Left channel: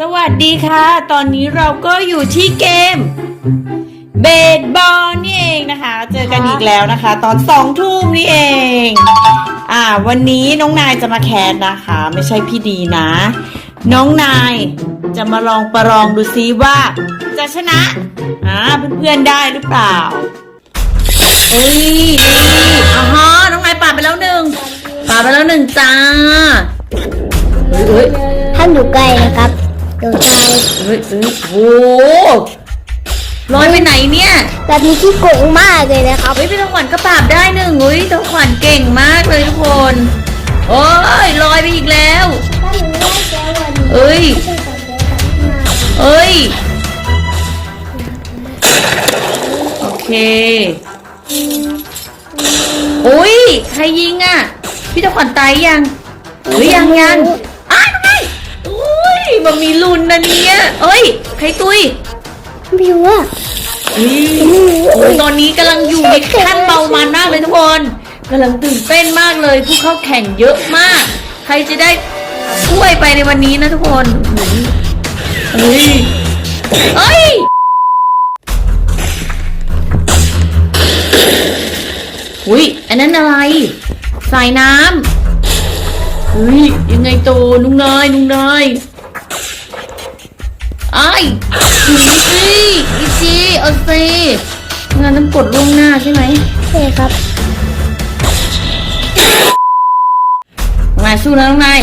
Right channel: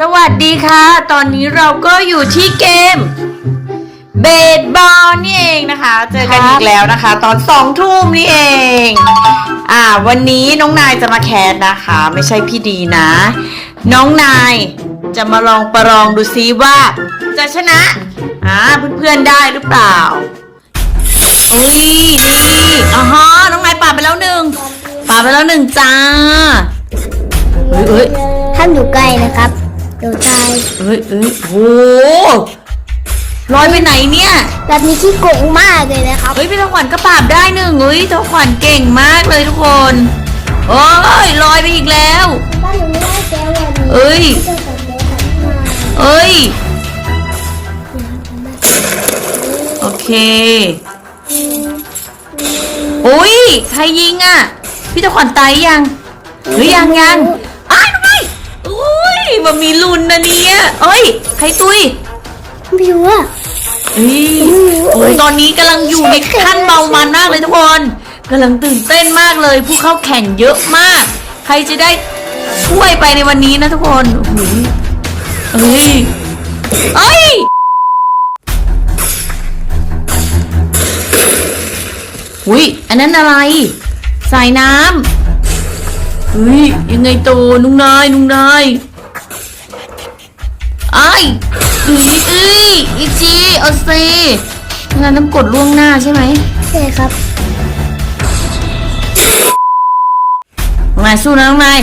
สวัสดีค่ะ ตอนนี้เราก็อยู่ที่เกม เบสบอลนี่เองนะคะ เจอกันอีกแล้วนะคะ ตอนสองทุ่มนี่เอง อ่า วันนี้น้องนายจะมาแคสนะคะ ไม่ใช่พี่ดีนะ น้องนายจะมาลองประลองดูซิว่า จะชนะอ่าเพื่อนๆได้หรือเปล่าเอ้ยนี่อ่าฮะน้องนายปาดไปแล้วหนึ่งปาดไปแล้วหนึ่งจ้าเฮ้ยเฮ้ย ห้ามอยู่ใกล้นะครับเดี๋ยวตายเฮ้ยเฮ้ยโอ้ลอยไปไหนเนี่ยแบบนี้ที่โกงมากเลยนะครับเฮ้ยพี่ทองขวัญก็ปราบได้หนึ่งเฮ้ยทองขวัญเก่งมากเลยทุกคน โอ้ยลอยไปอีกแล้วเอ้ยเอ้ยโอเคอุ้ยใครยิงอะ พี่ทองขวัญตายยังหรือยังยังอ้าวไม่ มีลุ้นนะเนี่ยเอ้ย ใครตุยไม่รู้อะโอ้ยตอนนี้กำลังอยู่ในขั้นเบามันมากเลยทุกคนกำลังตื่นเต้นมากเลย ผู้เข้าแข่งเยอะมาก ใครจะได้ช่วยไปในวันนี้นะทุกคนเอ้ยเอ้ยอุ้ยอันนั้นอะไร สายน้ำเฮ้ยยังไงโตนุ่งนายนุ่งนาย ไอ้ายอีอีอีจีเอาซีงานน้ำกดล่วงหน้าใช่ไหมใช่ครับน้องนายสู้นะน้องนาย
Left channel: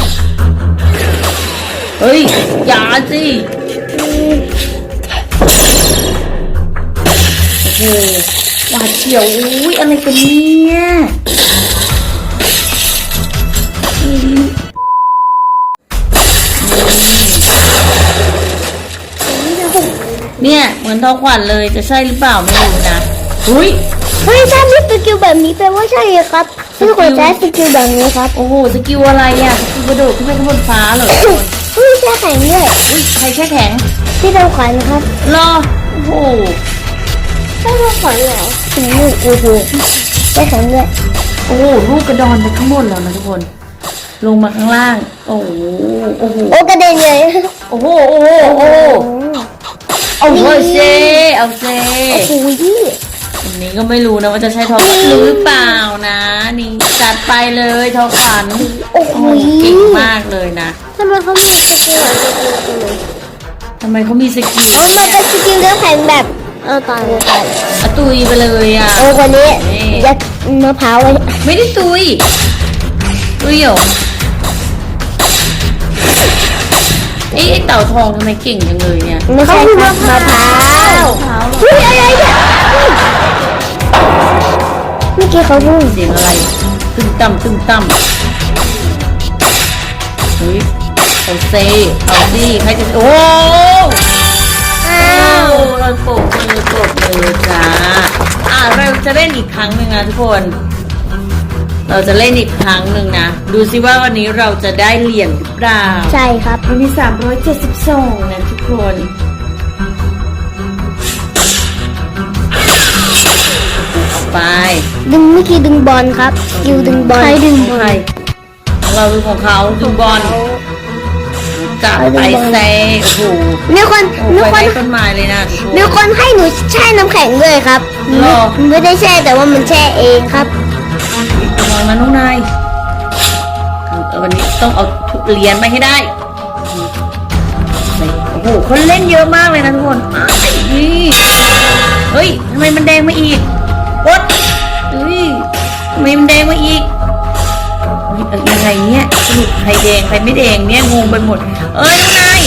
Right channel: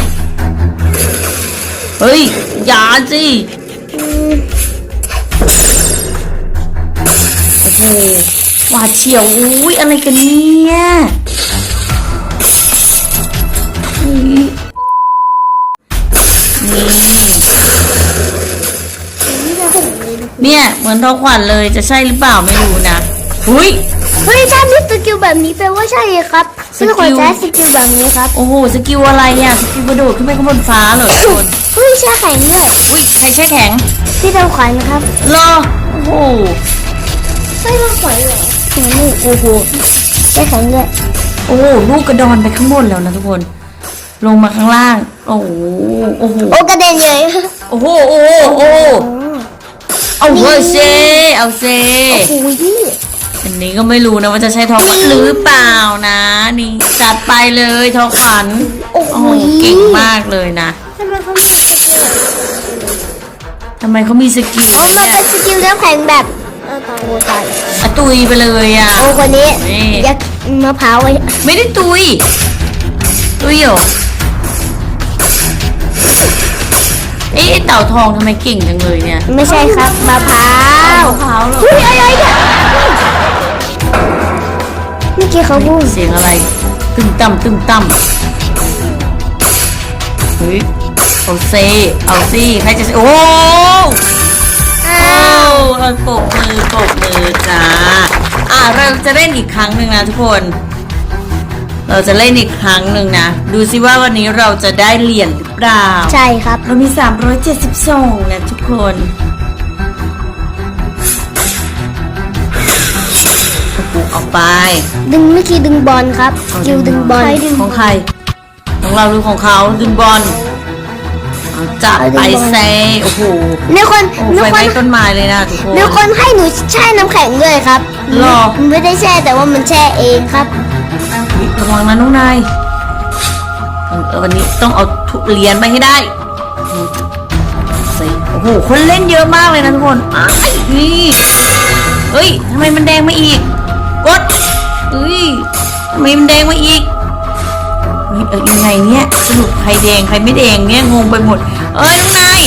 เฮ้ย อย่าสิโอ้โหหวาดเฉียวอุ้ยอะไรกันเนี่ย เนี่ยเหมือนทอขวัญเลยจะใช่หรือเปล่าไม่รู้นะอุ้ยเฮ้ยถ้ามีสกิลแบบนี้แปลว่าใช่เลยครับสกิลที่คนใช้สกิลแบบนี้ครับโอ้โหสกิลอะไรอะสกิลกระโดดขึ้นไปข้างบนฟ้าเหรอทุกคนเฮ้ยแช่แข็งด้วยอุ้ยใครแช่แข็งพี่ต้องขวัญนะครับรอโอ้โหไม่ต้องขวัญเหรอถึงนี่โอ้โหแช่แข็งด้วยโอ้โหลูกกระดอนไปข้างบนแล้วนะทุกคน ลงมาข้างล่าง โอ้โหโอ้โหโอ้กระเด็นเลยโอ้โหโอ้โหโอ้โห เอาเฮ้ยเซเอาเซโอ้โหยี่อันนี้ก็ไม่รู้นะว่าจะใช่ทองขวัญหรือเปล่านะ นี่จัดไปเลยทองขวัญโอ้โหโอ้โหเก่งมากเลยนะทำไมเขามีสกิลอะทำไมเขามีสกิลโอ้มันเป็นสกิลน้ำแข็งแบบเออตายโอ้ตายอะตุยไปเลยอะโอ้คนนี้นี่ยัดมะพร้าวไว้ไม่ได้ตุยตุยเหรอ ต่าทองทำไมเก่งจังเลยเนี่ยไม่ใช่ครับมะพร้าวมะพร้าวเหรอเฮ้ยอะไรเนี่ยเมื่อกี้เขาพูดเสียงอะไร ตึงต่ำตึงต่ำเฮ้ยเอาเซเอาสิใครจะโอ้อ้าอ้าววเราปรบมือปรบมือจ้าอ้าวเราจะเล่นอีกครั้งหนึ่งนะทุกคน เราจะเล่นอีกครั้งหนึ่งนะ ดูซิว่าวันนี้เราจะได้เหรียญหรือเปล่าใช่ครับ เรามี 372 นะทุกคนเอาไป ดึงเมื่อกี้ดึงบอลครับสกิลดึงบอลของใคร ของเราหรือของเขาดึงบอลเอาจับไปเซโอ้โหมีคนโอ้มีไฟคไหม้นต้นไม้เลยนะทุกคนมีคนให้หนูแช่น้ำแข็งด้วยครับหรอมันไม่ได้แช่แต่ว่ามันแช่เองครับ ระวังนะน้องนายวันนี้ต้องเอาทุเรียญไปให้ได้โอ้โหคนเล่นเยอะมากเลยนะทุกคนอ้ยนี่เฮ้ยทำไมมันแดงมาอีกกดเฮ้ยทำไมมันแดงมาอีกยังไงเนี่ยสรุปใครแดงใครไม่แดงเนี่ยงงไปหมด เอ้ยนาย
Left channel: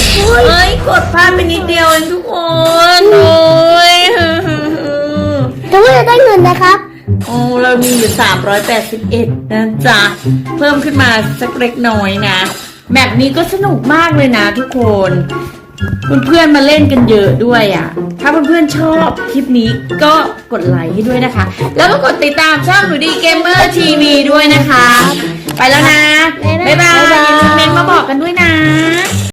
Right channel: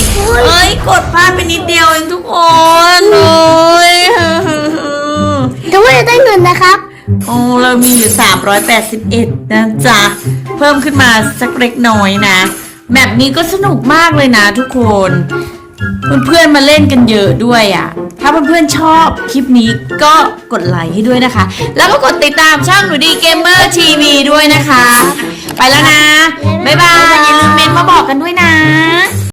เอ้ยกดพลาดไปนิดเดียวเองทุกคนเอ้ยแต่ว่าจะได้เงินนะครับ โอ้เรามีอยู่ 381 นะจ๊ะ เพิ่มขึ้นมาสักเล็กน้อยนะ แมปนี้ก็สนุกมากเลยนะทุกคนเพื่อนๆมาเล่นกันเยอะด้วยอะ่ะ ถ้าเพื่อนๆชอบคลิปนี้ก็กดไลค์ให้ด้วยนะคะ แล้วก็กดติดตามช่องหนูดีเกมเมอร์ทีวีด้วยนะคะ ไปแล้วนะ บ๊ายบายอย่าลืมเมนต์มาบอกกันด้วยนะ